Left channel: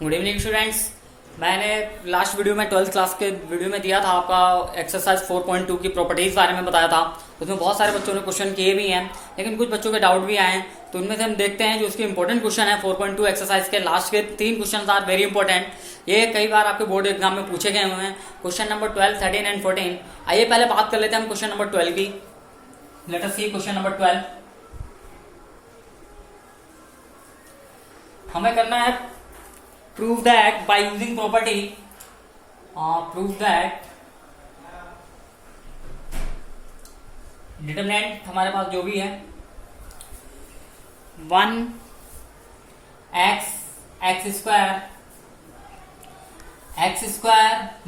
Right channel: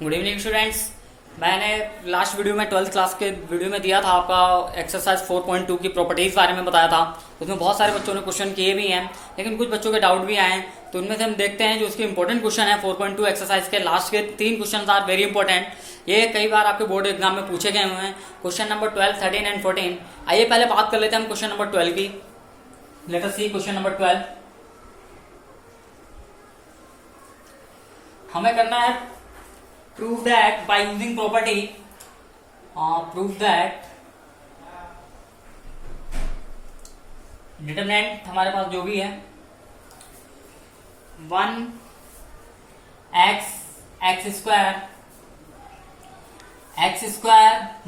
Good evening students. मैंने last video में 12th class के वीडियो में दिया था आपका एक्सरसाइज 4.2 की प्रॉपर्टीज बारे में बताया था। उसमें बहुत सारे बच्चों ने क्वेश्चन किए भी हैं, लेकिन कुछ बच्चों के डाउट भी आए हैं। तो उनमें से हम देखते हैं जो उसके इंपॉर्टेंट क्वेश्चन है 4.2 एक्सरसाइज के लास्ट के 3 क्वेश्चन आर वेरी इंपॉर्टेंट। ये कई बार आपके बोर्ड एग्जाम में पूछे गए हुए हैं। Question number 12, 13 and 14। आइए पहले बात कर लेते हैं हम क्वेश्चन नंबर 12 की। लेट अस सी क्वेश्चन नंबर 12। हमें करना है prove that by using property prove that determinant हमारे पास जो भी है 1 x square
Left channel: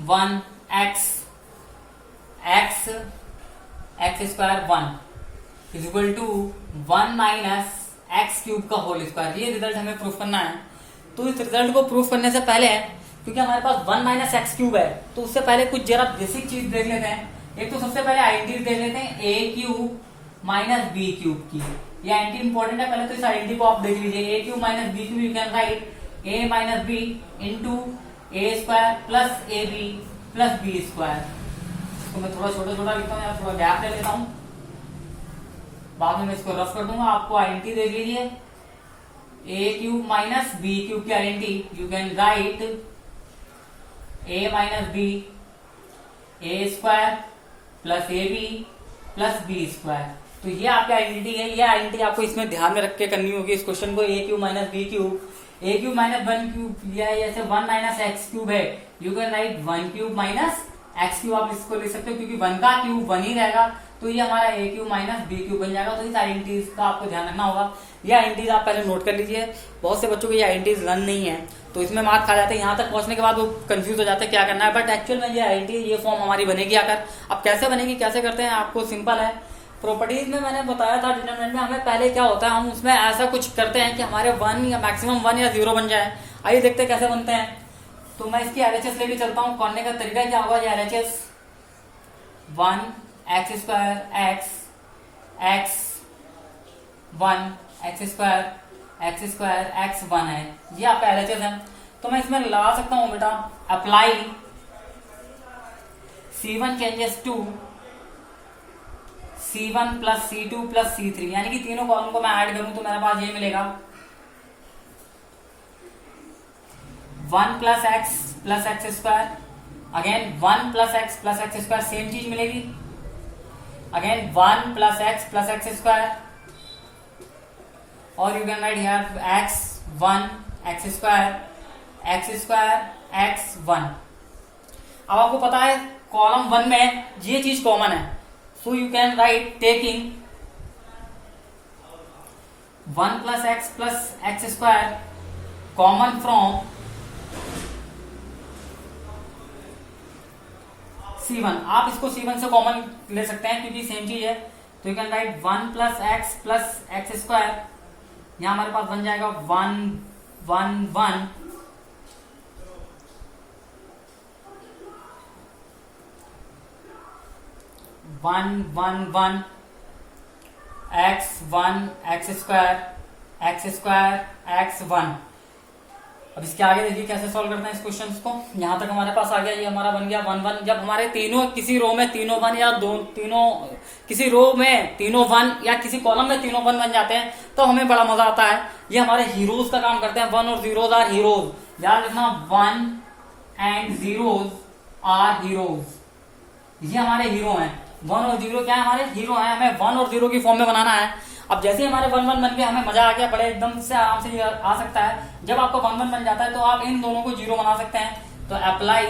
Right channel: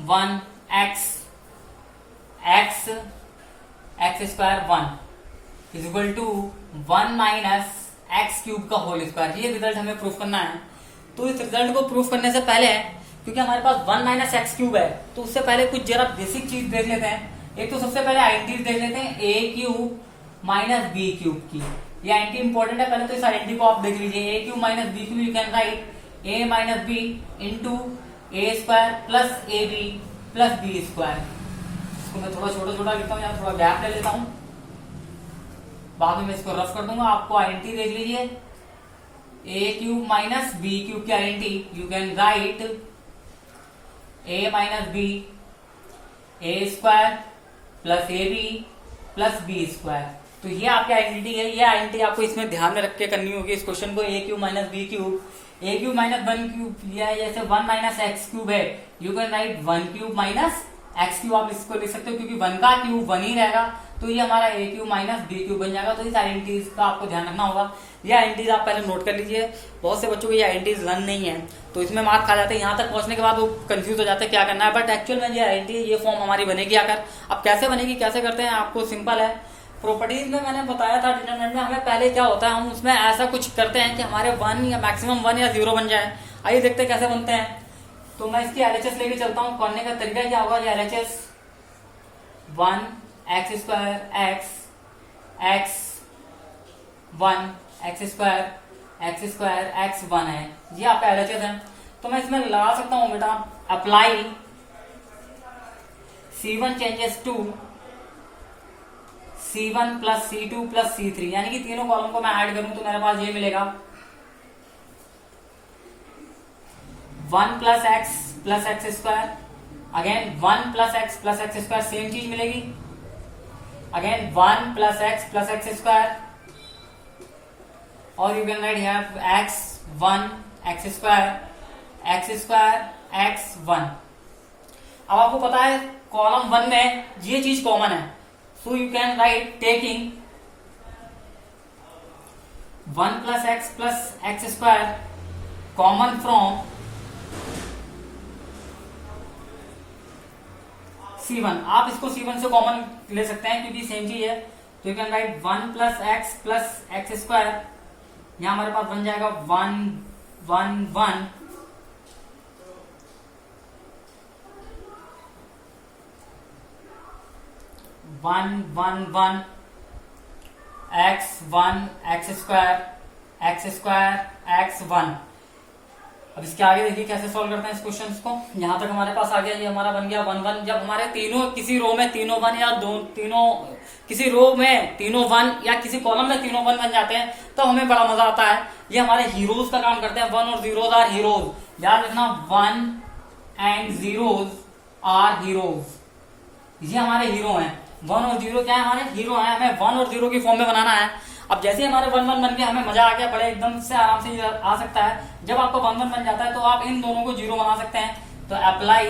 1 x square 1 is equal to 1 minus X cube का होल स्क्वायर। ये रिजल्ट हमें प्रूफ करना है। तो इस रिजल्ट को प्रूफ करने से पहले, क्योंकि हमारे पास 1 माइनस एक्स क्यूब है, तो उससे पहले कुछ जरा बेसिक चीज देख लेते हैं। एक तो सबसे पहले आइडेंटिटी देख लेते हैं ए क्यूब माइनस बी क्यूब की। ये आइडेंटिटी इंपॉर्टेंट है, पहले तो इस आइडेंटिटी को आप देख लीजिए। A cube minus B cube you can write A minus B into A square plus A B plus B square. इसको मैं थोड़ा छोटा छोटा लिखता हूँ, यहाँ थोड़ा गैप ले लेता हूँ, बाद में मैं इसको रफ कर दूंगा। आपको आइडेंटिटी देख लीजिए, A cube minus B cube की identity you can write A minus B A square plus A B plus B square. तो ये आपकी आइडेंटिटी है। ये आइडेंटिटी आपको इसमें ध्यान में रख के करनी होगी इस क्वेश्चन को। ए क्यूब माइनस बी क्यूब, ए क्यूब माइनस 1 क्यूब, या जैसे 1 माइनस एक्स क्यूब है, you can write 1 cube minus X cube. आप इसको लिख सकते हो क्योंकि 1 का क्यूब 1 ही रहेगा, तो ये हमारा ए क्यूब माइनस बी क्यूब बन जाएगा। तो इस आइडेंटिटीज का आपको ध्यान रखना होगा। ये आइडेंटिटीज आप पहले नोट कर लीजिए। बहुत से बच्चों को ये आइडेंटिटीज रन नहीं है, तो इसमें मार्क्स खा जाते हैं। यहाँ तक पहुंचने के बाद वो कंफ्यूज हो जाते हैं क्या करना है, बट एक्चुअल में ये आइडेंटिटी, ये फॉर्म हमारी बनेगी आकर। अब कैसे बनेगी, कैसे करते हैं, आपको सिंपल है। प्रॉपर्टीज में मैंने बताया था डिटरमिनेंट में हमें पहले क्या होता है, हम उसमें ऐसा कुछ करते हैं कि हमारे 1 या मैक्सिमम 1 या 0 बन जाए। आइए देखते हैं कैसे बनते हैं। तो मैं इसकी एलएचएस लेके चलता हूँ। करने का तरीका क्या होगा, LHS 1 x square x 1 x 1 है। ये आपका एलएचएस है। तो मैं इसमें लगा सकता हूं बेटा apply C1 changes to C1 plus C2 plus C3, यानी कि तीनों कॉलम को मैं ऐड करूं तो मेरे पास ये मिलेगा 1 plus x square, again 1 plus x square, same चीज मिलेगी, अगेन 1 प्लस एक्स स्क्वायर, और you can right have x1 x square x1। अब आपको पता है कॉलम 1 में ये चीज कॉमन है, so you can right taking 1 plus x square common from C1। आप इसको C1 से कॉमन ले सकते हैं क्योंकि सेम चीज है। तो you can write 1 plus x square, यहां हमारे पास बन जाएगा 1 1 1 1 1 1 x1 एक्स स्क्वायर x1। अब इसके आगे देखिए कैसे सॉल्व करते हैं इस क्वेश्चन को। यहां तक हमारे पास आ गया, ये हमारा बन गया 1 1। जब हमारे तीनों किसी रो में तीनों 1 या किसी रो में तीनों 1 या किसी कॉलम में तीनों 1 बन जाते हैं तो हमें बड़ा मजा आता है। ये हमारे हीरोज का काम करते हैं। 1 और 0 आर हीरोज। याद रखना 1 एंड 0 आर हीरोज। ये हमारे हीरो हैं। 1 और 0 क्या है, हमारे हीरो हैं। हमें 1 और 0 की फॉर्म में बनाना है। अब जैसे हमारे 1 1 बन गया, हमें मजा आ गया, बड़े एकदम से आराम से आ सकता है। जब आपका 1 1 बन जाता है तो आप इन दोनों को 0 बना सकते हैं। तो अप्लाई,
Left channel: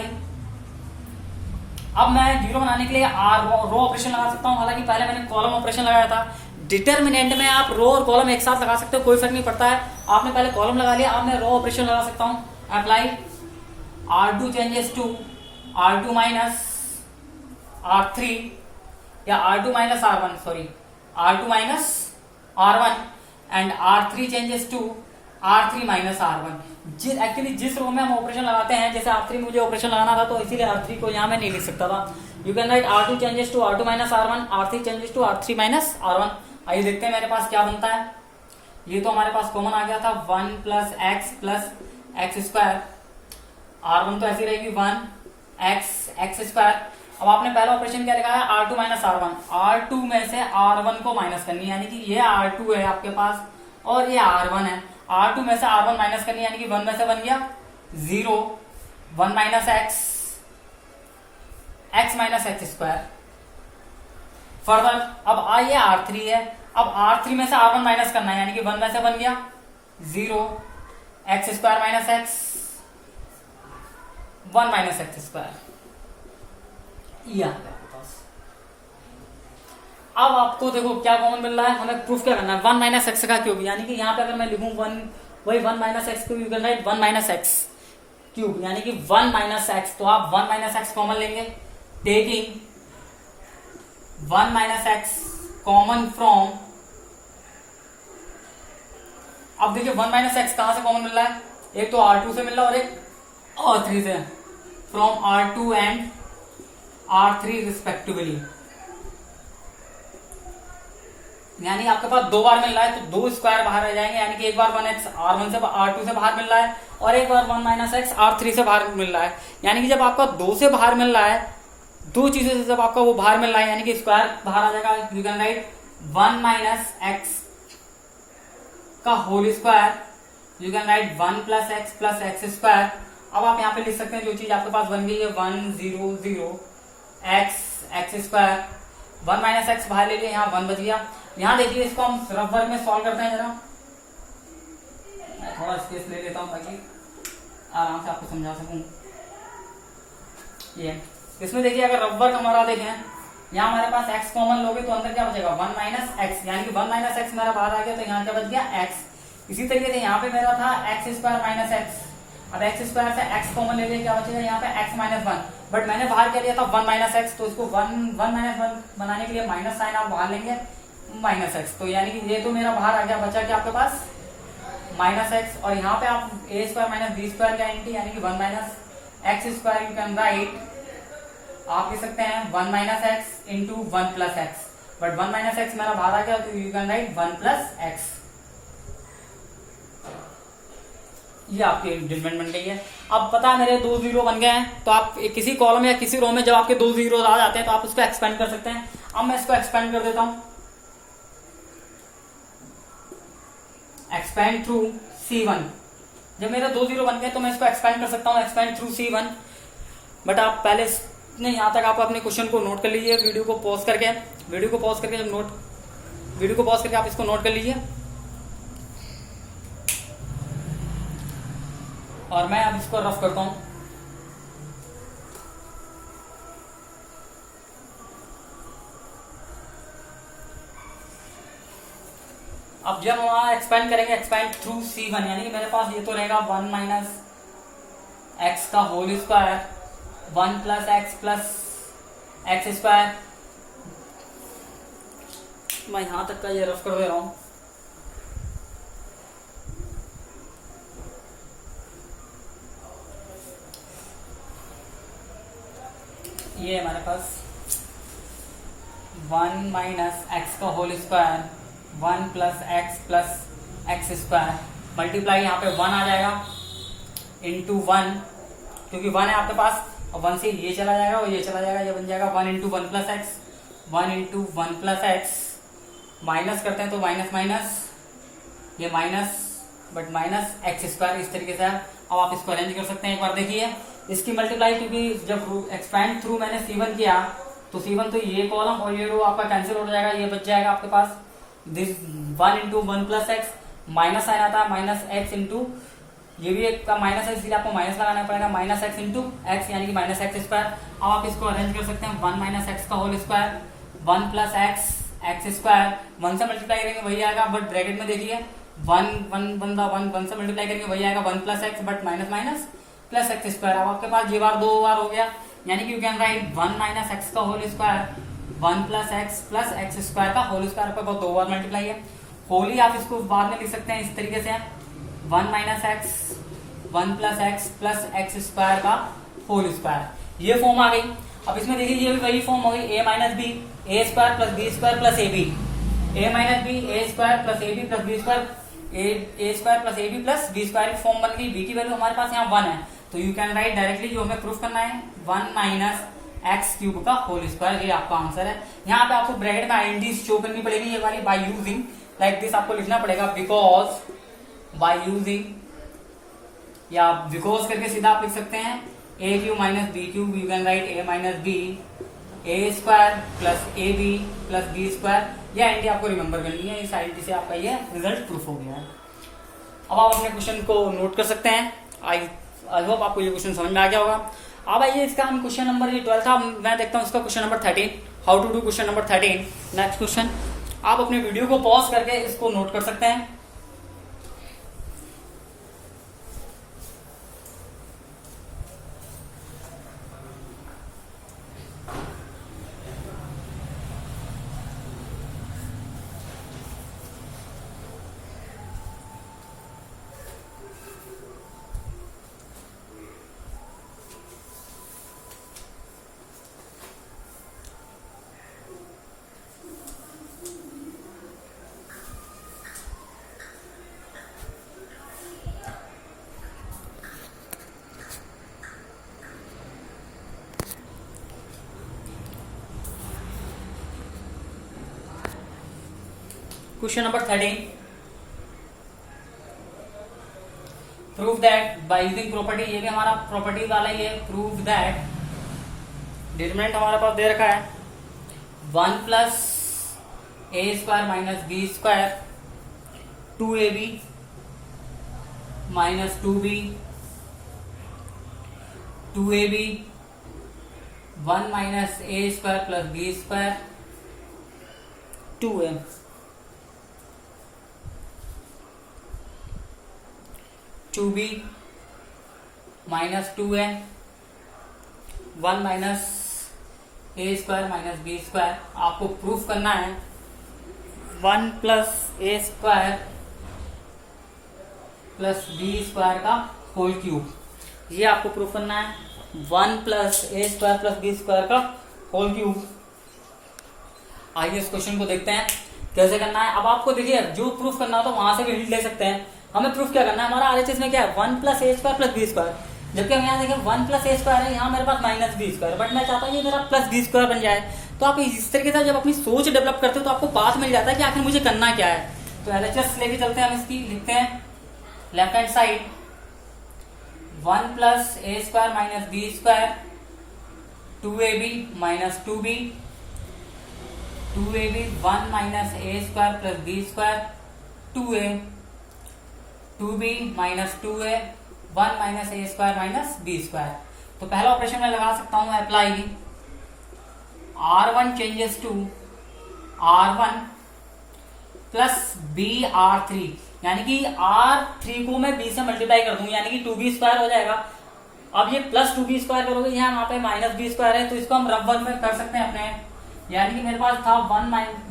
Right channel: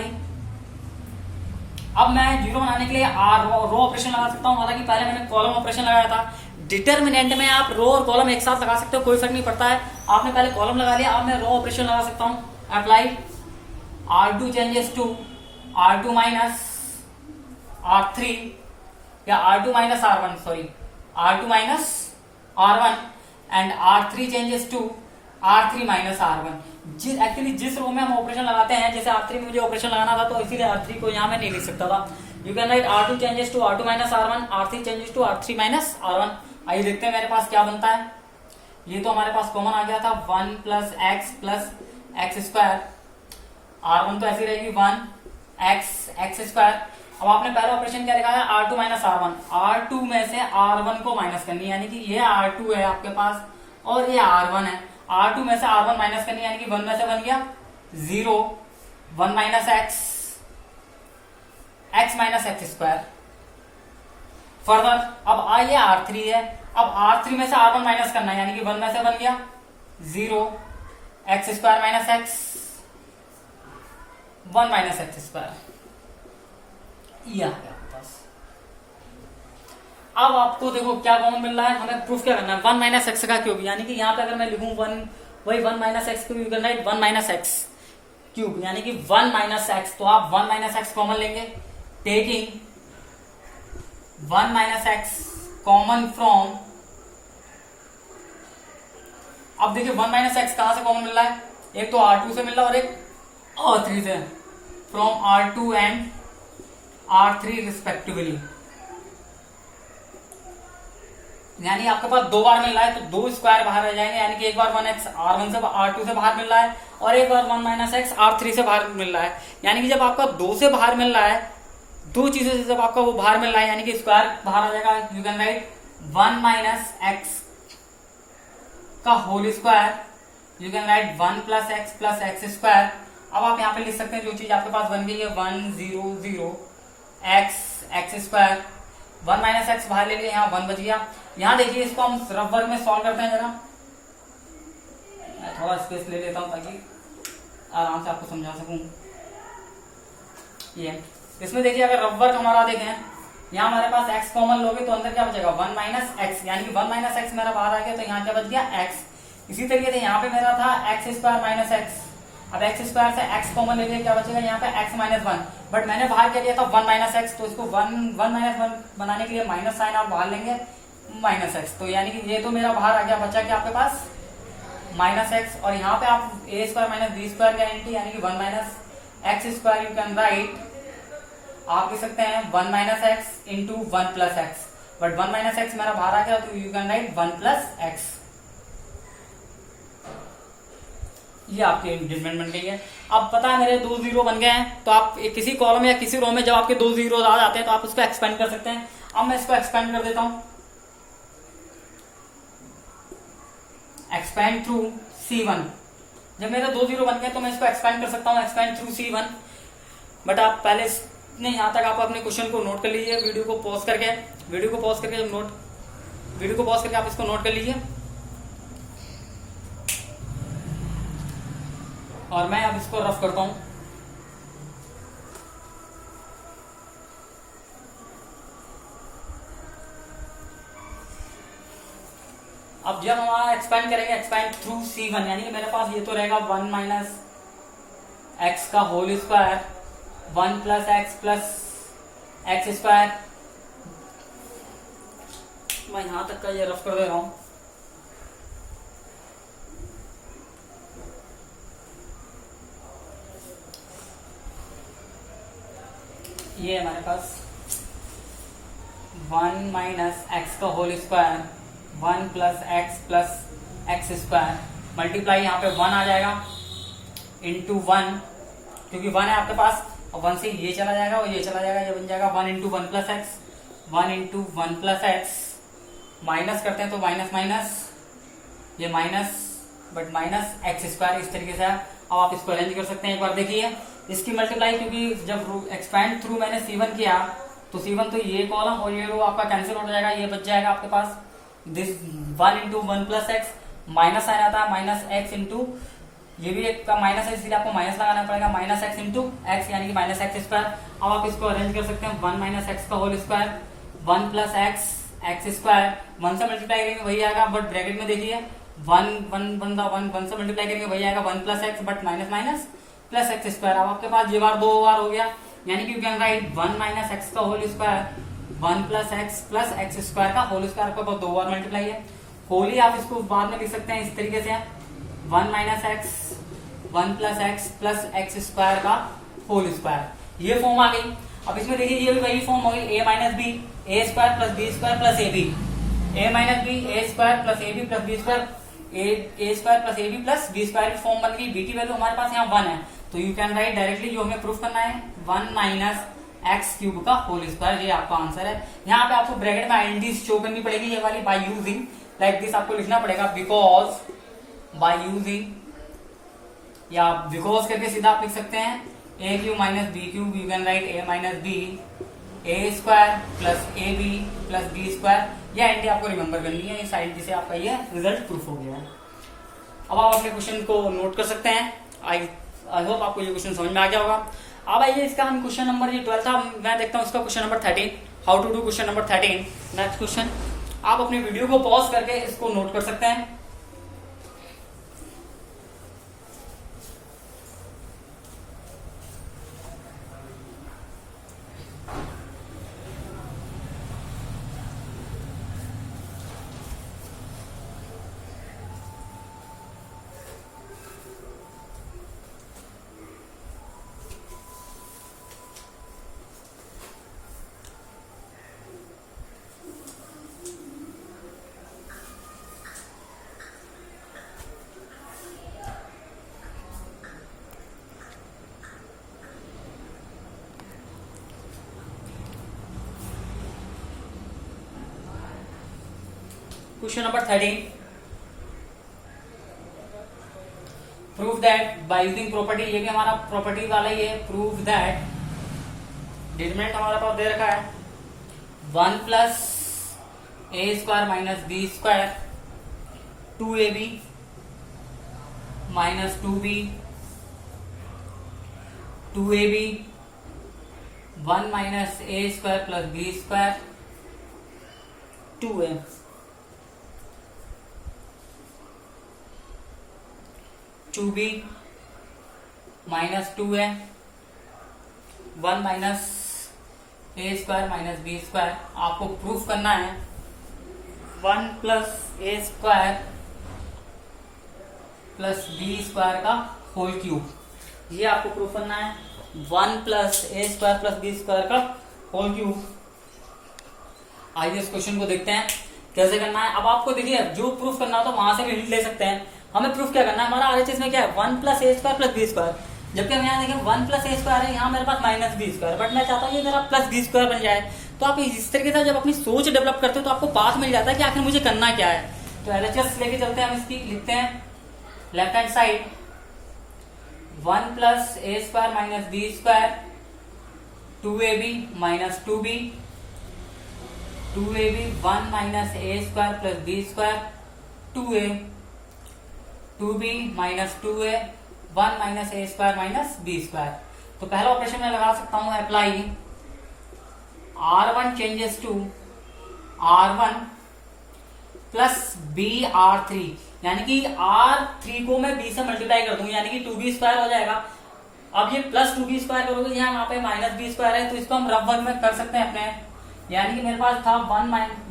अब मैं 0 बनाने के लिए रो ऑपरेशन लगा सकता हूं। हालांकि पहले मैंने कॉलम ऑपरेशन लगाया था। डिटरमिनेंट में आप रो और कॉलम एक साथ लगा सकते हो, कोई फर्क नहीं पड़ता है। आपने पहले कॉलम लगा लिया, अब मैं रो ऑपरेशन लगा सकता हूं। Apply R2 changes to R2 minus R3 या R2 minus R1, sorry R2 minus R1 and R3 changes to R3 minus R1। Actually जिस रो में हम ऑपरेशन लगाते हैं, जैसे R3 मुझे ऑपरेशन लगाना था तो इसीलिए R3 को यहां मैं नहीं लिख सकता था। You can write R2 changes to R2 minus R1, R3 changes to R3 minus R1। आइए देखते हैं मेरे पास क्या बनता है। ये तो हमारे पास कॉमन आ गया था 1 प्लस एक्स स्क्वायर, R1 तो ऐसी रहेगी 1 x²। अब आपने पहला ऑपरेशन क्या लिखा है, R2 माइनस R1, R2 में से R1 को माइनस करनी है, यानी कि ये R2 है आपके पास और ये R1 है, R2 में से R1 माइनस करनी है, यानी कि 1 में से बन गया 0, 1 minus x minus x²। Further अब ये R3 है, अब R3 में से R1 माइनस करना है, यानी कि 1 में से बन गया 0, x² minus x, 1 minus x²। ये आ गया आपके पास। अब आपको देखो क्या कॉमन मिल रहा है, हमें प्रूफ क्या करना है, 1 माइनस एक्स का क्यूब, यानी कि यहाँ पे अगर मैं लिखूं 1, वही 1 minus X cube, you can write 1 minus X cube, यानी कि 1 माइनस एक्स, तो आप 1 माइनस एक्स कॉमन लेंगे, taking 1 minus x common from, अब देखिए 1 माइनस एक्स कहां से कॉमन मिल रहा है, एक तो R2 से मिल रहा है और एक R3 से, from R2 and R3 respectively, यानी आपके पास दो बार मिल रहा है, तो 2 स्क्वायर बाहर आ जाएंगे, यानी कि एक बार 1x R1 से R2 से बाहर मिल रहा है और एक बार 1 माइनस एक्स R3 से बाहर मिल रहा है, यानी कि जब आपका 2 से बाहर मिल रहा है, दो चीजों से जब आपका वो बाहर मिल रहा है, यानी कि स्क्वायर बाहर आ जाएगा, you can write 1 minus X का whole square, you can write 1 plus X plus x²। अब आप यहाँ पे लिख सकते हैं जो चीज आपके पास बन गई है 1 0 0 x², 1 माइनस एक्स बाहर ले लिया, यहाँ 1 बच गया। यहाँ देखिए इसको हम रफ वर्क में सॉल्व करते हैं, जरा मैं थोड़ा स्पेस ले लेता हूँ ताकि आराम से आपको समझा सकूं। ये इसमें देखिए अगर रफ वर्क हमारा देखें, यहाँ हमारे पास x कॉमन लोगे तो अंदर क्या बचेगा 1 माइनस एक्स, यानी कि 1 माइनस एक्स मेरा बाहर आ गया, तो यहाँ क्या बच गया x। इसी तरीके से यहाँ पे मेरा था x² माइनस एक्स, अब x² से x कॉमन ले लिया, क्या बचेगा यहाँ पे x माइनस 1, बट मैंने बाहर क्या लिया था 1 माइनस एक्स, तो इसको 1 माइनस 1 बनाने के लिए माइनस साइन आप बाहर लेंगे माइनस एक्स, तो यानी कि ये तो मेरा बाहर आ गया, बचा क्या आपके पास माइनस एक्स, और यहाँ पे आप a² माइनस b² गारंटी, यानी कि 1 minus x², you can right, आप लिख सकते हैं 1 minus x into 1 plus x, but 1 minus x मेरा बाहर आ गया, तो you can write 1 plus x. ये आपकी इंक्रीमेंट बन गई है। अब पता है मेरे 2 जीरो बन गए हैं, तो आप किसी कॉलम या किसी रो में जब आपके 2 जीरो आ जाते हैं तो आप उसको एक्सपेंड कर सकते हैं। अब मैं इसको एक्सपेंड कर देता हूं, एक्सपेंड थ्रू C1। जब मेरे 2 जीरो बन गए तो मैं इसको एक्सपेंड कर सकता हूँ, एक्सपेंड थ्रू C1। बट आप पहले नहीं, यहां तक आप अपने क्वेश्चन को नोट कर लीजिए, वीडियो को पॉज करके आप इसको नोट कर लीजिए, और मैं अब इसको रफ करता हूं। अब जब हम एक्सपेंड करेंगे, एक्सपेंड थ्रू C1, यानी कि मेरे पास ये तो रहेगा 1 माइनस एक्स का whole square, 1 plus X plus x²। मैं यहां तक का ये रफ कर दे रहा हूं। ये हमारे पास 1 माइनस एक्स का whole square, 1 plus x² multiply, यहाँ पे 1 आ जाएगा इंटू 1, क्योंकि 1 है आपके पास, और 1 से ये चला जाएगा और ये चला जाएगा, ये बन जाएगा 1 into 1 plus x, 1 into 1 plus X, minus करते हैं तो माइनस माइनस, ये माइनस, बट माइनस x², इस तरीके से। अब आप इसको अरेंज कर सकते हैं, एक बार देखिए इसकी मल्टीप्लाई, क्योंकि जब एक्सपैंड थ्रू मैंने C1 किया तो C1 तो ये कॉलम और ये रो आपका कैंसिल हो जाएगा, ये बच जाएगा आपके पास this 1 into 1 plus X, minus sign आता है माइनस एक्स इंटू, ये भी एक का माइनस है इसलिए आपको माइनस लगाना पड़ेगा, माइनस एक्स इंटू एक्स, यानी कि माइनस x²। अब आप इसको अरेंज कर सकते हैं 1 माइनस एक्स का होल स्क्वायर, 1 प्लस x², 1 से मल्टीप्लाई करेंगे वही आएगा, बट ब्रैकेट में देखिए 1 से मल्टीप्लाई करेंगे वही आएगा 1 plus x, but minus minus plus x²। अब आपके पास ये बार 2 बार हो गया, यानी कि you can write 1 minus X का whole square, 1 plus X plus x² का होल स्क्वायर, आपके पास 2 बार मल्टीप्लाई है। होली आप इसको बाद में लिख सकते हैं इस तरीके से, 1 minus x 1 plus X plus x² का होल स्क्वायर, ये फॉर्म आ गई। अब इसमें देखिए ये भी वही फॉर्म हो गई, a minus B a² plus b² plus ab, a minus B a² plus ab plus b² A square plus A B plus B square की फॉर्म बन गई। बी की वैल्यू हमारे पास यहाँ 1 है, तो यू कैन राइट डायरेक्टली, जो हमें प्रूफ करना है 1 माइनस एक्स क्यूब का होल स्क्वायर, ये आपका आंसर है। यहाँ पे आपको ब्रैकेट में आईएनडी शो करनी पड़ेगी, ये वाली बाय यूजिंग लाइक दिस आपको लिखना पड़ेगा, बिकॉज बाय यूजिंग, या बिकॉज करके सीधा आप लिख सकते हैं A cube minus B cube, you can write A minus B, A square plus A B plus B square. ये आईएनडी आपको रिमेंबर करनी है, इस आईएनडी से आपका ये रिजल्ट प्रूफ हो गया है। अब आप अपने क्वेश्चन को नोट कर सकते हैं। आई होप आपको ये क्वेश्चन समझ में आ गया होगा। अब आइए इसका हम क्वेश्चन नंबर, ये 12 था, मैं देखता हूँ उसका question number 13, how to do question number 13। Next question, आप अपने वीडियो को पॉज करके इसको नोट कर सकते हैं। Question number 13, prove that by using property, ये भी हमारा प्रॉपर्टी वाला ही है। प्रूव दैट, डिटरमिनेंट हमारे पास दे रखा है 1 प्लस ए square minus B square 2ab minus 2b 2ab 1 minus ए square plus B square 2a 2b minus 2a 1 minus ए स्क्वायर माइनस बी स्क्वायर। आपको proof करना है 1 प्लस ए स्क्वायर प्लस बी स्क्वायर का whole cube, ये आपको proof करना है 1 plus ए square plus B square का whole cube. आइए इस क्वेश्चन को देखते हैं कैसे करना है। अब आपको देखिए, जो प्रूफ करना हो तो वहां से भी हिंट ले सकते हैं। हमें प्रूफ क्या करना है, हमारा आरएचएस में क्या है 1 प्लस ए स्क्वायर प्लस बी स्क्वायर, जबकि हम यहाँ देखें 1 प्लस ए स्क्वायर है, यहाँ मेरे पास माइनस बी स्क्वायर, बट मैं चाहता हूँ ये मेरा प्लस बी स्क्वायर बन जाए। तो आप इस तरीके से जब अपनी सोच डेवलप करते हो तो आपको बात मिल जाता है कि आखिर मुझे करना क्या है। तो एलएचएस लेके चलते हैं, हम इसकी लिखते हैं लेफ्ट हैंड साइड 1 प्लस ए square minus B square 2ab minus 2b 2ab 1 minus ए square plus B square 2a 2b minus 2a 1 minus ए स्क्वायर माइनस बी स्क्वायर। तो पहला ऑपरेशन मैं लगा सकता हूं apply R1 changes to R1 plus b R3, यानी कि R3 को मैं B से मल्टीप्लाई कर दूंगी, यानी कि 2b स्क्वायर हो जाएगा। अब ये प्लस 2b स्क्वायर करोगे, यहाँ पे माइनस बी स्क्वायर है, तो इसको हम रफ वर्क में कर सकते हैं अपने। यानी कि मेरे पास था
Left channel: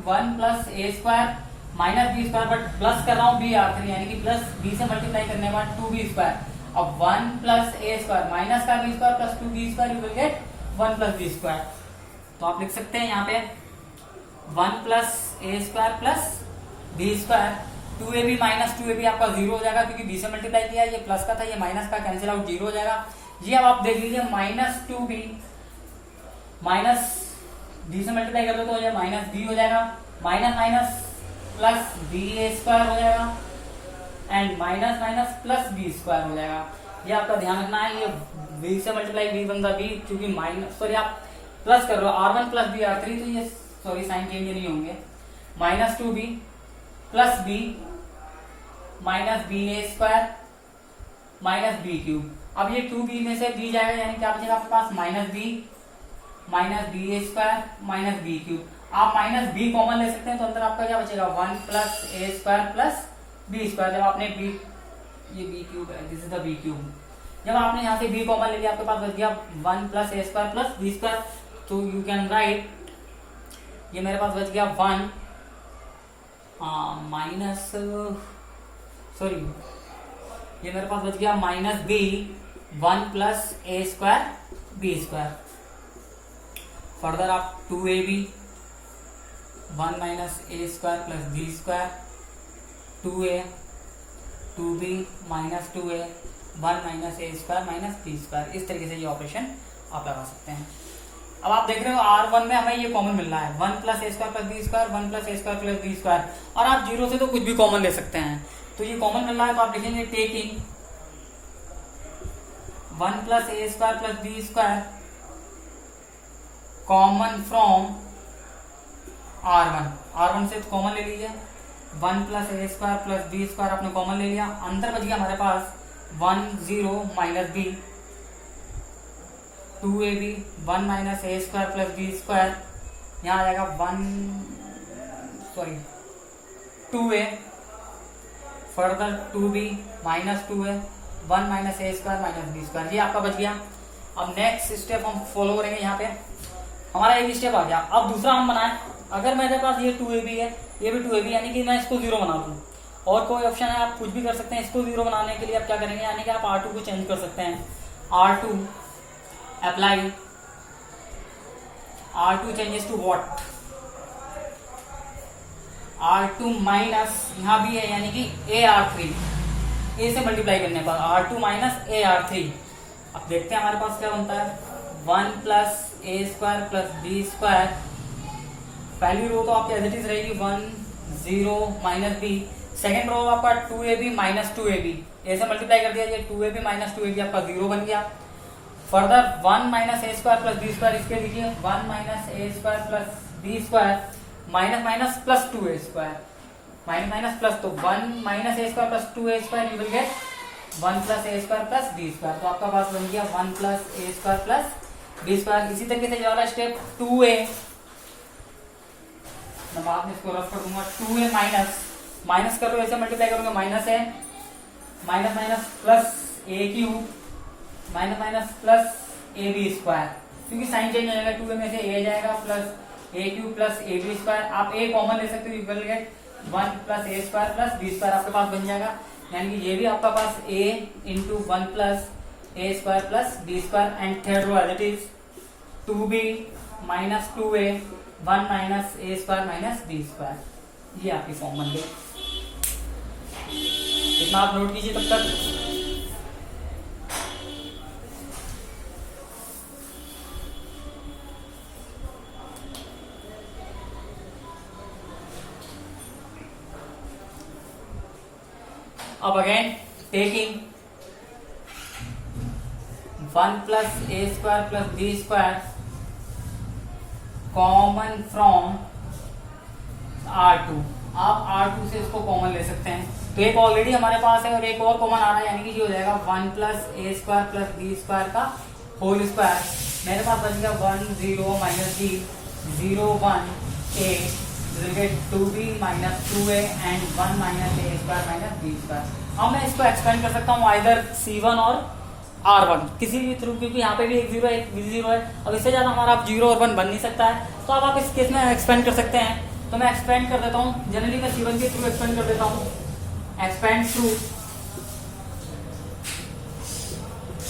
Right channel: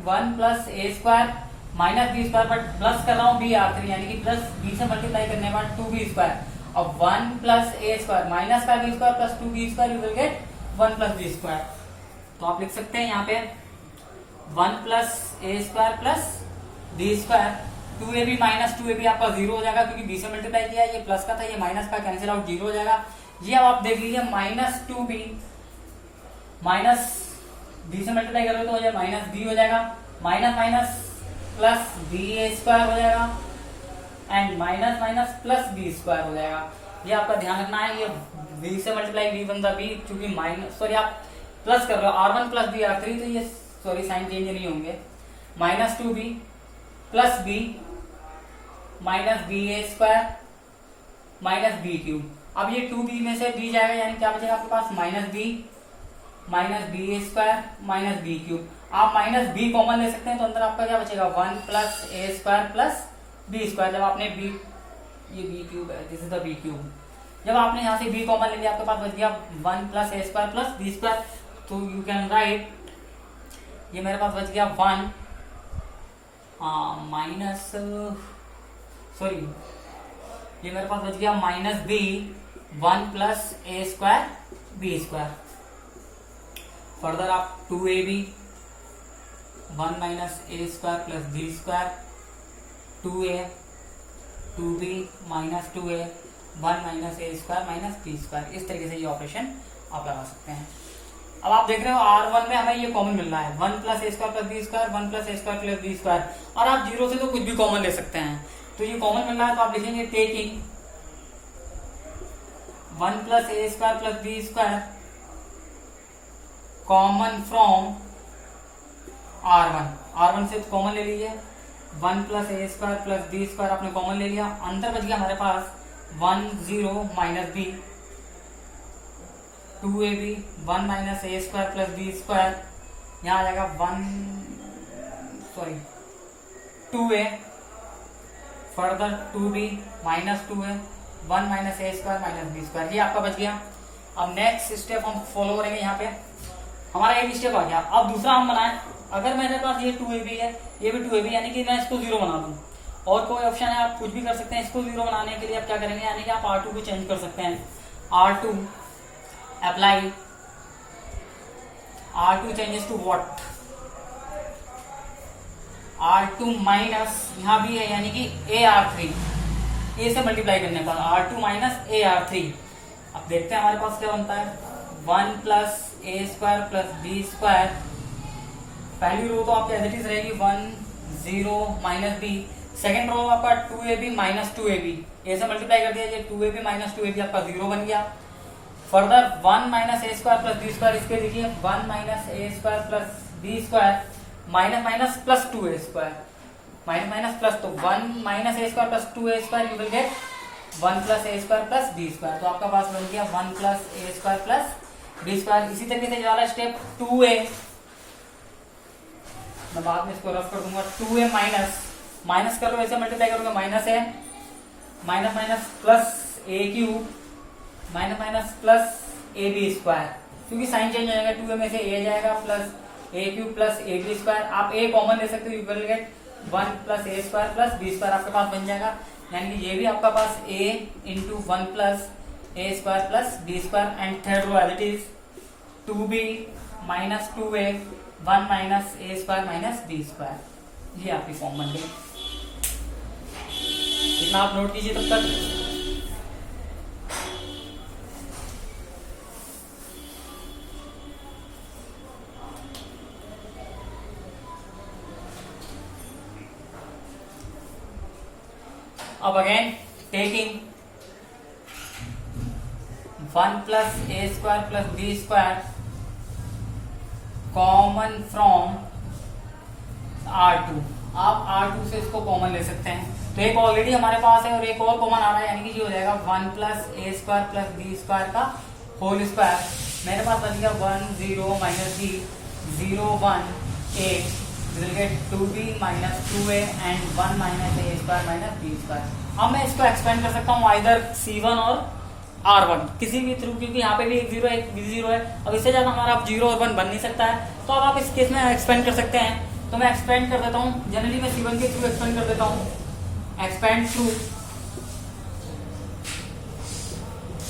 1 plus A square minus B square, but plus कर रहा हूँ बी R3, यानी कि प्लस बी से मल्टीप्लाई करने के बाद 2b स्क्वायर। अब 1 प्लस ए स्क्वायर माइनस का B square plus 2b square, you will get 1 plus B square. तो आप लिख सकते हैं यहाँ पे 1 प्लस ए square plus B square 2ab minus 2ab आपका 0 हो जाएगा, क्योंकि b से मल्टीप्लाई किया, ये प्लस का था, ये माइनस का, कैंसिल आउट 0 हो जाएगा। ये अब आप देख लीजिए माइनस 2b माइनस b से मल्टीप्लाई कर रहे हो तो ये माइनस b हो जाएगा, माइनस माइनस प्लस बी ए स्क्वायर हो जाएगा and minus minus plus B square हो जाएगा। ये आपका ध्यान रखना है, ये b से मल्टीप्लाई b बनता b, क्योंकि माइनस सॉरी आप प्लस कर रहे हो R1 प्लस बी R3, तो ये सॉरी साइन चेंज नहीं होंगे, minus 2b plus b minus B ए स्क्वायर माइनस बी क्यूब। अब ये 2b में से b जाएगा, यानी क्या बचेगा आपके पास माइनस बी ए स्क्वायर माइनस बी क्यूब। आप माइनस बी कॉमन ले सकते हैं, तो अंदर आपका क्या बचेगा 1 प्लस ए स्क्वायर प्लस बी स्क्वायर। जब आपने बी, ये बी क्यूब है, this is the B cube, जब आपने यहाँ से बी कॉमन ले लिया, आपके पास बच गया 1 प्लस ए स्क्वायर प्लस बी स्क्वायर। तो यू कैन राइट, ये मेरे पास बच गया 1 माइनस सॉरी ये मेरे पास बच गया माइनस बी 1 प्लस ए स्क्वायर बी स्क्वायर। फर्दर आप 2ab 1 माइनस ए square plus B square 2a 2b minus 2a 1 minus ए स्क्वायर माइनस बी स्क्वायर। इस तरीके से ये ऑपरेशन आप लगा सकते हैं। अब आप देख रहे हो R1 में हमें ये कॉमन मिल रहा है 1 प्लस ए square plus B square 1 plus ए स्क्वायर प्लस बी स्क्वायर, और आप जीरो से तो कुछ भी कॉमन ले सकते हैं। तो ये कॉमन मिल रहा है तो आप लिखेंगे taking 1 plus A square plus B square common from R1 से कॉमन ले लीजिए 1 प्लस ए स्क्वायर प्लस बी स्क्वायर आपने कॉमन ले लिया, अंदर बच गया हमारे पास 1 0 माइनस बी 2ab 1 माइनस ए स्क्वायर प्लस बी स्क्वायर, यहाँ आ जाएगा 2a further 2b minus 2a 1 minus ए स्क्वायर माइनस बी स्क्वायर, ये आपका बच गया। अब नेक्स्ट स्टेप हम फॉलो करेंगे। यहाँ पे हमारा एक स्टेप आ गया। अब दूसरा हम बनाए, अगर मेरे पास ये 2ab है ये भी 2ab, यानी कि मैं इसको 0 बना दूं, और कोई ऑप्शन है आप कुछ भी कर सकते हैं। इसको 0 बनाने के लिए आप क्या करेंगे, यानी कि आप R2 को चेंज कर सकते हैं। R2 apply, R2 changes to what, R2 minus यहाँ भी है यानी कि AR3, A से मल्टीप्लाई करने पर R2 माइनस AR3। अब देखते हैं हमारे पास क्या बनता है 1 प्लस ए स्क्वायर प्लस बी स्क्वायर, पहली रो तो आपकी एज इट इज रहेगी 1 0 माइनस बी, सेकेंड रो आपका 2ab माइनस 2ab, ए से मल्टीप्लाई कर दिया ये 2ab माइनस 2ab आपका 0 बन गया। फर्दर 1 माइनस ए स्क्वायर प्लस बी स्क्वायर, इसके देखिए 1 माइनस ए square plus B square minus minus plus 2a square minus minus plus, तो 1 minus A square plus 2a square you will get 1 plus A square plus B square, तो आपका पास बन गया 1 plus ए square plus B square. इसी तरीके से ये वाला स्टेप 2a, मैं बाद में इसको रफ कर दूंगा, 2a माइनस कर लो, ऐसे मल्टीप्लाई करोगे माइनस है minus minus plus A cube minus minus plus A B square, क्योंकि साइन चेंज हो जाएगा 2a में से a जाएगा plus A cube plus A B square, आप a कॉमन ले सकते हो, you will get 1 plus A square plus B square आपके पास बन जाएगा, यानी कि ये भी आपका पास a into 1 plus A square plus B square, and third row as it is 2b minus 2a 1 minus A square minus B square, ये आपकी फॉर्म बन गई। इतना आप नोट कीजिए तब तक। अब again taking 1 plus A square plus B square common from R2, आप R2 से इसको कॉमन ले सकते हैं, तो एक ऑलरेडी हमारे पास है और एक और कॉमन आ रहा है, यानी कि ये हो जाएगा 1 प्लस ए स्क्वायर प्लस बी स्क्वायर का होल स्क्वायर, मेरे पास बन गया 1 0 minus B 0 1 a, will get 2b minus 2a and 1 minus A square minus B square. अब मैं इसको एक्सपेंड कर सकता हूँ आइदर C1 और R1 किसी भी थ्रू, क्योंकि यहाँ पे भी एक 0 है एक भी 0 है, अब इससे ज्यादा हमारा 0 और 1 बन नहीं सकता है, तो अब आप इस केस में एक्सपेंड कर सकते हैं। तो मैं एक्सपेंड कर देता हूँ, जनरली मैं C1 के थ्रू एक्सपेंड कर देता हूँ, एक्सपेंड थ्रू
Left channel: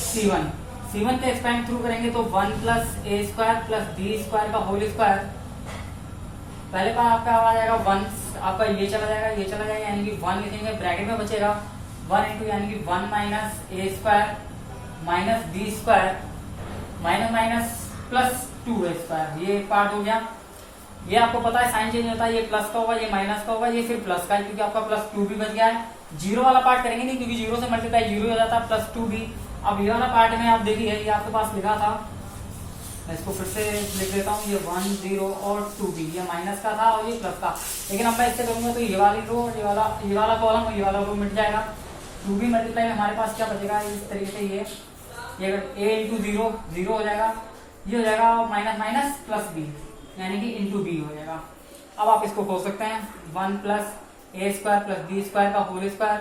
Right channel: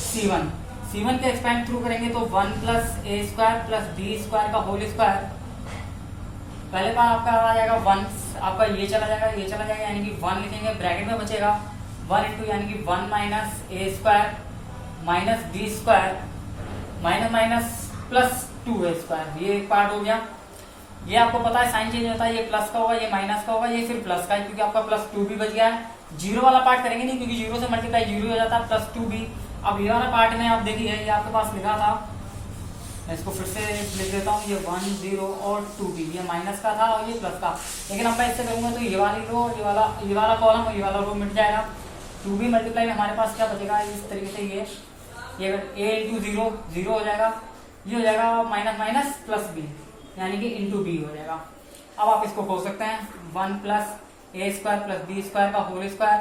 C1 के एक्सपेंड थ्रू करेंगे तो 1 प्लस ए स्क्वायर प्लस बी स्क्वायर का होल स्क्वायर, पहले बार आपका आ जाएगा 1, आपका ये चला जाएगा यानी कि 1 लिखेंगे, ब्रैकेट में बचेगा 1 इंटू यानी कि 1 माइनस ए square minus B square minus minus plus 2a square, ये एक पार्ट हो गया। ये आपको पता है साइन चेंज होता है, ये प्लस का होगा ये माइनस का होगा ये फिर प्लस का है, क्योंकि आपका प्लस 2b बच गया है। जीरो वाला पार्ट करेंगे नहीं, क्योंकि 0 से मल्टीप्लाई 0 हो जाता है प्लस 2b। अब ये वाला पार्ट में आप देखिए ये आपके पास लिखा था, मैं इसको फिर से लिख देता हूँ, ये 1 0 और 2b, ये माइनस का था और ये प्लस का, लेकिन अब मैं इससे करूंगा तो ये वाली रो ये वाला कॉलम और ये वाला रो मिट जाएगा। 2b मल्टीप्लाई में हमारे पास क्या बचेगा, इस तरीके से ये अगर a इंटू 0 हो जाएगा, ये हो जाएगा माइनस माइनस प्लस b, यानी कि इंटू b हो जाएगा। अब आप इसको खोल सकते हैं 1 प्लस ए स्क्वायर प्लस बी स्क्वायर का होल स्क्वायर,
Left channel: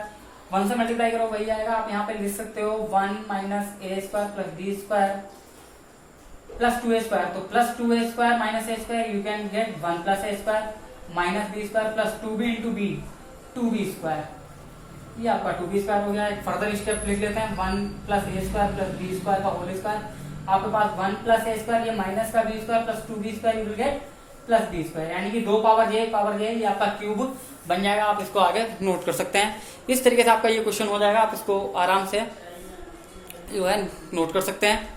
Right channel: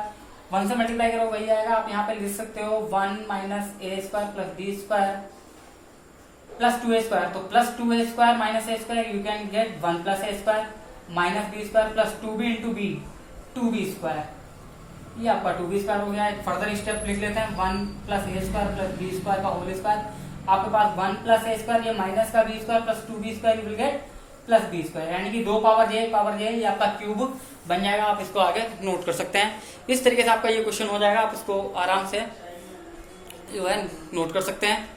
1 से मल्टीप्लाई करो वही आएगा, आप यहाँ पे लिख सकते हो 1 माइनस ए square plus B square plus 2a square, तो plus 2a square minus A square you can get 1 plus A square minus B square plus 2b into b 2b square, ये आपका 2b स्क्वायर हो गया। एक further step लिख लेते हैं 1 plus ए square plus B square का होल स्क्वायर, आपके पास 1 प्लस ए स्क्वायर ये माइनस का B square plus 2b square you will get plus B square, यानी कि 2 पावर जे ये आपका क्यूब बन जाएगा, आप इसको आगे नोट कर सकते हैं। इस तरीके से आपका ये क्वेश्चन हो जाएगा, आप इसको आराम से जो है नोट कर सकते हैं।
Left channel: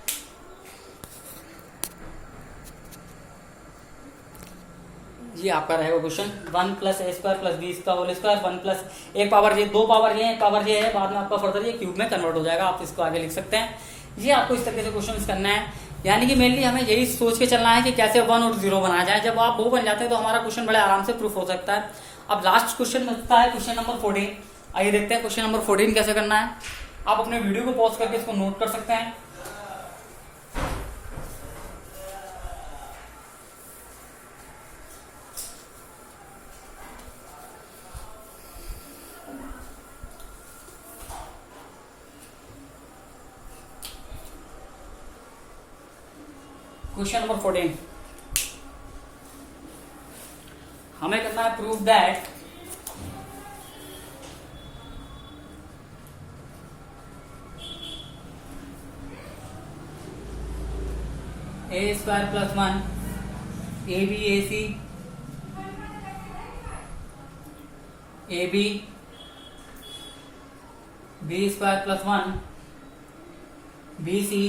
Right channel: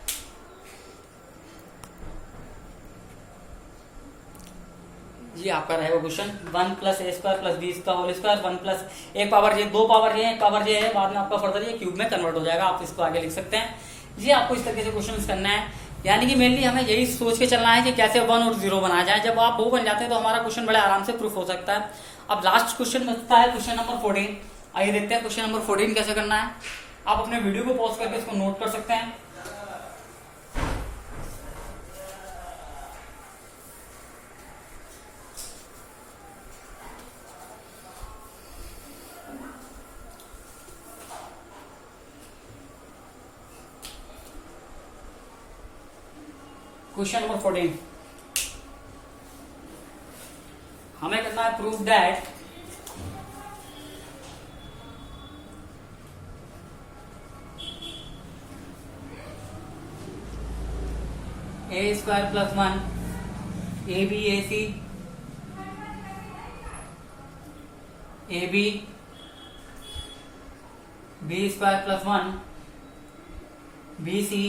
ये आपका रहेगा क्वेश्चन 1 प्लस ए स्क्वायर प्लस बी का होल स्क्वायर 1 प्लस एक पावर ये, दो पावर ये, एक पावर ये है, बाद में आपका फर्दर ये क्यूब में कन्वर्ट हो जाएगा, आप इसको आगे लिख सकते हैं। ये आपको इस तरीके से क्वेश्चन करना है, यानी कि मेनली हमें यही सोच के चलना है कि कैसे 1 और 0 बनाया जाए। जब आप वो बन जाते हैं तो हमारा क्वेश्चन बड़े आराम से प्रूफ हो सकता है। अब लास्ट क्वेश्चन बनता है क्वेश्चन नंबर 14। आइए देखते हैं क्वेश्चन नंबर 14 कैसे करना है। आप अपने वीडियो को पॉज करके इसको नोट कर सकते हैं। क्वेश्चन नंबर 14 हमें करना है proof that a square plus 1 a b a c a b b square plus 1 b c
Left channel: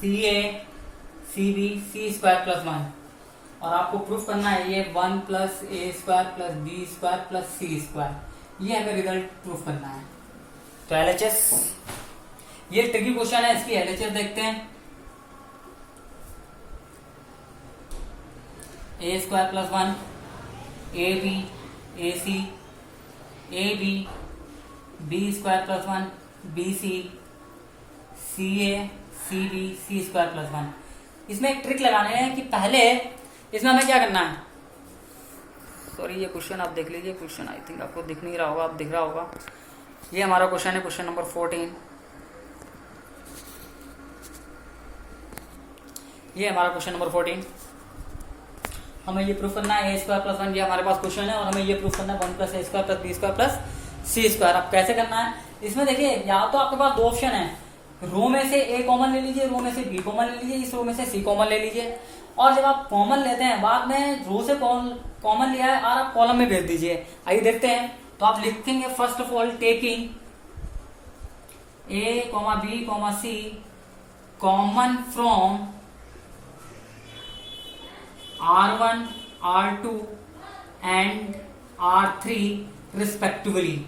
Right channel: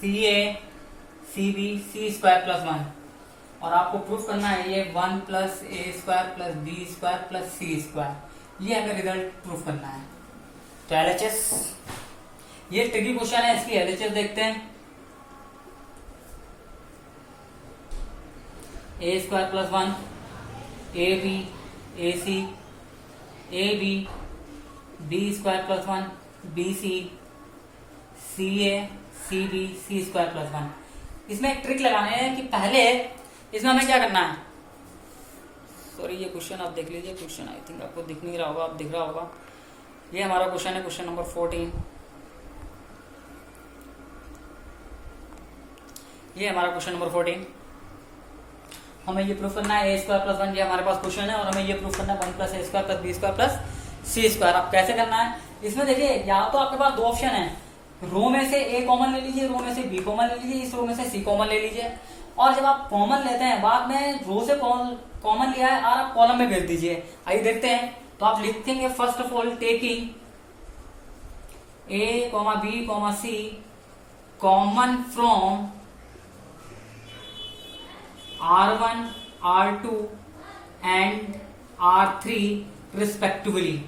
c a c b c square plus 1, और आपको प्रूफ करना है ये 1 प्लस ए square plus B square plus सी square, ये हमें result proof करना है। तो एलएचएस, ये ट्रिकी क्वेश्चन है, इसकी एलएचएस देखते हैं। A square plus 1 a b a c a b b square plus 1 b c c a c b c square plus 1। इसमें एक ट्रिक लगाने है कि पहले इसमें हमें क्या करना है। सॉरी, ये क्वेश्चन आप देख लीजिए, क्वेश्चन आई थिंक आपको दिख नहीं रहा होगा, आप दिख रहा होगा। ये हमारा क्वेश्चन है, क्वेश्चन नंबर 14। ये हमारा क्वेश्चन नंबर 14। हमें ये प्रूफ करना है ए स्क्वायर प्लस 1, ये हमारे पास क्वेश्चन है, और हमें ये प्रूफ करना है 1 प्लस ए square plus B square plus सी स्क्वायर। अब कैसे करना है, इसमें देखिए या तो आपके पास दो ऑप्शन है, रो में से ए कॉमन ले लीजिए, रो में से बी कॉमन ले लीजिए, इस रो में से सी कॉमन ले लीजिए, और जब आप कॉमन लेते हैं बाद में रो से कॉमन लिया है और आप कॉलम में भेज दीजिए। आइए देखते हैं। तो आप लिखेंगे first of all taking A comma B comma C common from R1 R2 and R3 respectively.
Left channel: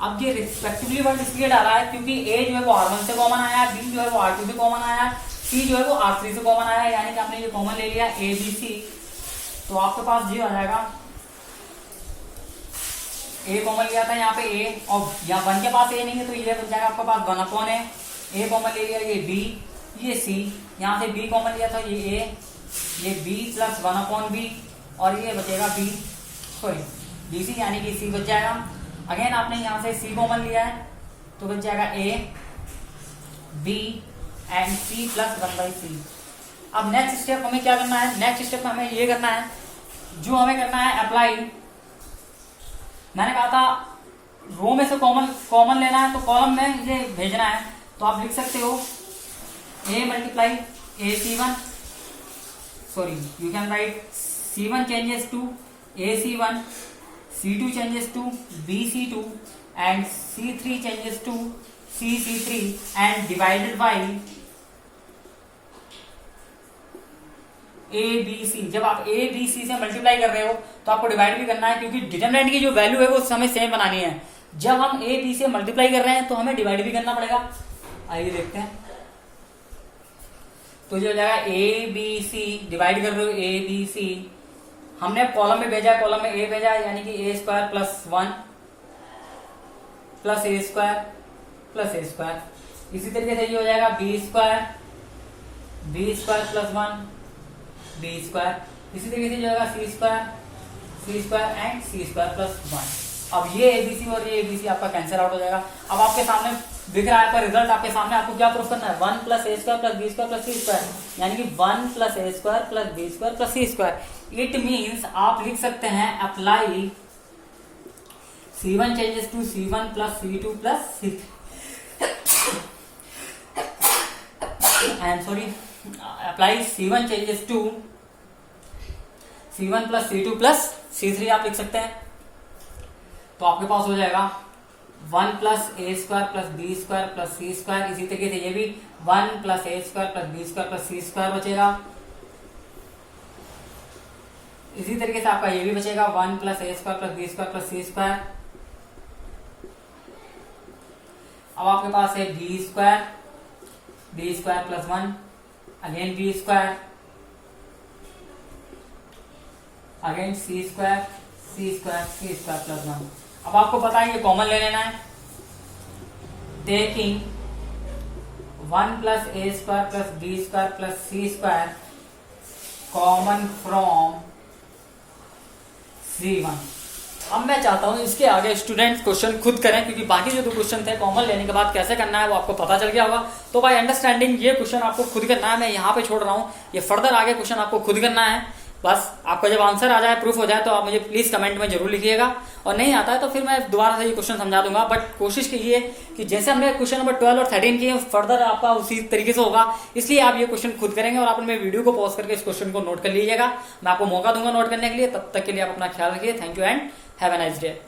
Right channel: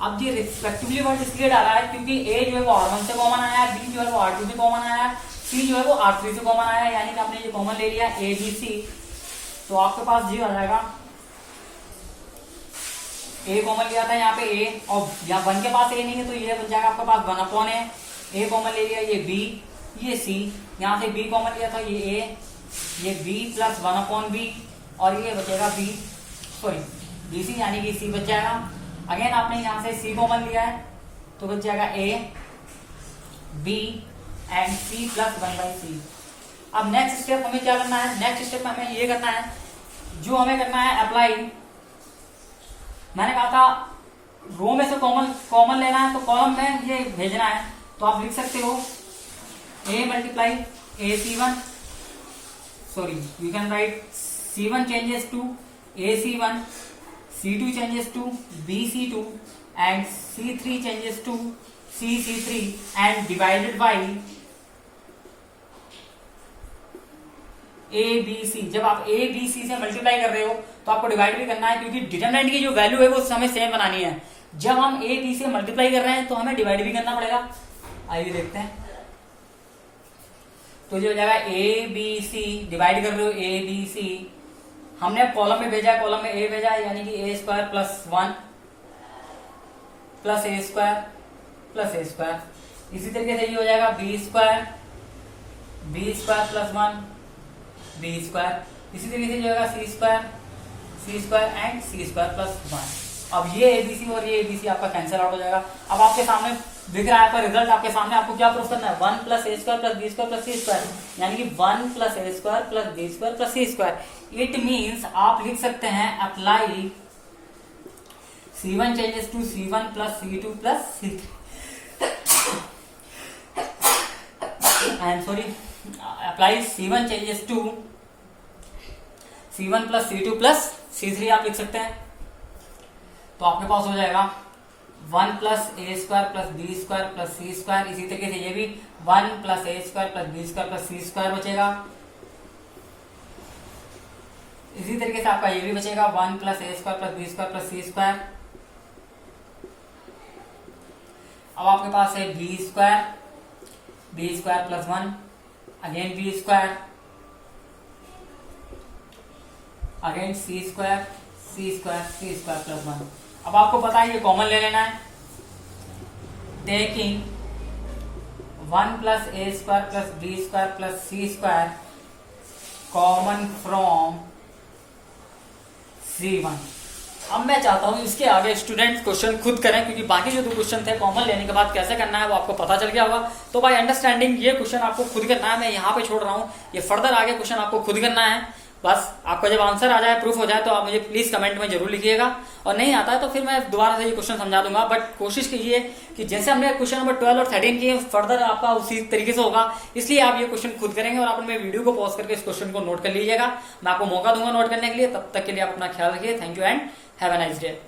अब ये रिस्पेक्टिवली वर्ड इसलिए डाला है क्योंकि ए जो है वो R1 से कॉमन आया है, बी जो है वो R2 से कॉमन आया है, सी जो है वो R3 से कॉमन आया है, यानी कि आपने ये कॉमन ले लिया ए बी सी। तो आपके पास ये आ जाएगा, ए कॉमन लिया था यहाँ पे ए, और यहाँ 1 के पास ए नहीं है तो ये बन जाएगा आपके पास 1 अपॉन ए कॉमन ले लिया, ये बी ये सी, यहाँ से बी कॉमन लिया था ये ए, ये बी प्लस 1 अपॉन बी, और ये बचेगा बी सॉरी बी सी, यानी कि सी बच जाएगा। अगेन आपने यहाँ से सी कॉमन लिया है तो बच जाएगा A B and C plus 1/3। अब नेक्स्ट स्टेप हमें क्या करना है, नेक्स्ट स्टेप में हमें ये करना है, जो हमें करना है अप्लाई। मैंने कहा था रो में से कॉमन लेना है तो कॉलम में ये भेजना है, तो आप लिख सकते हो a multiply A C one, sorry you can write C1 changes to AC1, C2 changes to BC2 and C3 changes to CC3 and divided by ABC। जब आप ABC से मल्टीप्लाई कर रहे हो तो आपको डिवाइड भी करना है, क्योंकि डिटरमिनेंट की जो वैल्यू है वो हमें सेम बनानी है। जब हम AB से मल्टीप्लाई कर रहे हैं तो हमें डिवाइड भी करना पड़ेगा। आइए देखते हैं। तो ये हो जाएगा ABC, डिवाइड कर रहे हो ABC, हमने कॉलम में भेजा है, कॉलम में ए भेजा है, यानी कि a square plus 1 plus A square plus A square. इसी तरीके से ये हो जाएगा b square plus 1 b square. इसी तरीके से ये होगा c square and c square plus 1। अब ये एबीसी और ये एबीसी आपका कैंसिल आउट हो जाएगा। अब आपके सामने दिख रहा है आपका रिजल्ट, आपके सामने आपको क्या प्रूफ करना है, 1 प्लस ए square plus B square plus सी स्क्वायर, यानी कि 1 plus A square plus B square plus C square. It means आप लिख सकते हैं apply C1 changes to C1 plus C2 plus C3 I am sorry, apply C1 changes to C1 plus C2 plus C3 आप लिख सकते हैं। तो आपके पास हो जाएगा 1 प्लस ए square plus B square plus सी स्क्वायर। इसी तरीके से ये भी 1 प्लस ए square plus B square plus सी स्क्वायर बचेगा। इसी तरीके से आपका ये भी बचेगा 1 प्लस ए square plus B square plus सी स्क्वायर। अब आपके पास है b square plus 1 again b square again c square plus 1। अब आपको पता है ये कॉमन ले लेना है। Taking 1 plus A square plus B square plus C square common from C1। अब मैं चाहता हूं इसके आगे स्टूडेंट क्वेश्चन खुद करें, क्योंकि बाकी जो दो क्वेश्चन थे कॉमन लेने के बाद कैसे करना है वो आपको पता चल गया होगा। तो बाय अंडरस्टैंडिंग ये क्वेश्चन आपको खुद करना है, मैं यहाँ पे छोड़ रहा हूँ। ये फर्दर आगे क्वेश्चन आपको खुद करना है। बस आपका जब आंसर आ जाए, प्रूफ हो जाए, तो आप मुझे प्लीज कमेंट में जरूर लिखिएगा। और नहीं आता है तो फिर मैं दोबारा से ये क्वेश्चन समझा दूंगा। बट कोशिश कीजिए कि जैसे हमने क्वेश्चन नंबर 12 और 13 किए, फर्दर आपका उसी तरीके से होगा। इसलिए आप ये क्वेश्चन खुद करेंगे और आप अपने वीडियो को पॉज करके इस क्वेश्चन को नोट कर लीजिएगा। मैं आपको मौका दूंगा नोट करने के लिए। तब तक के लिए आप अपना ख्याल रखिए। Thank you and have a nice day.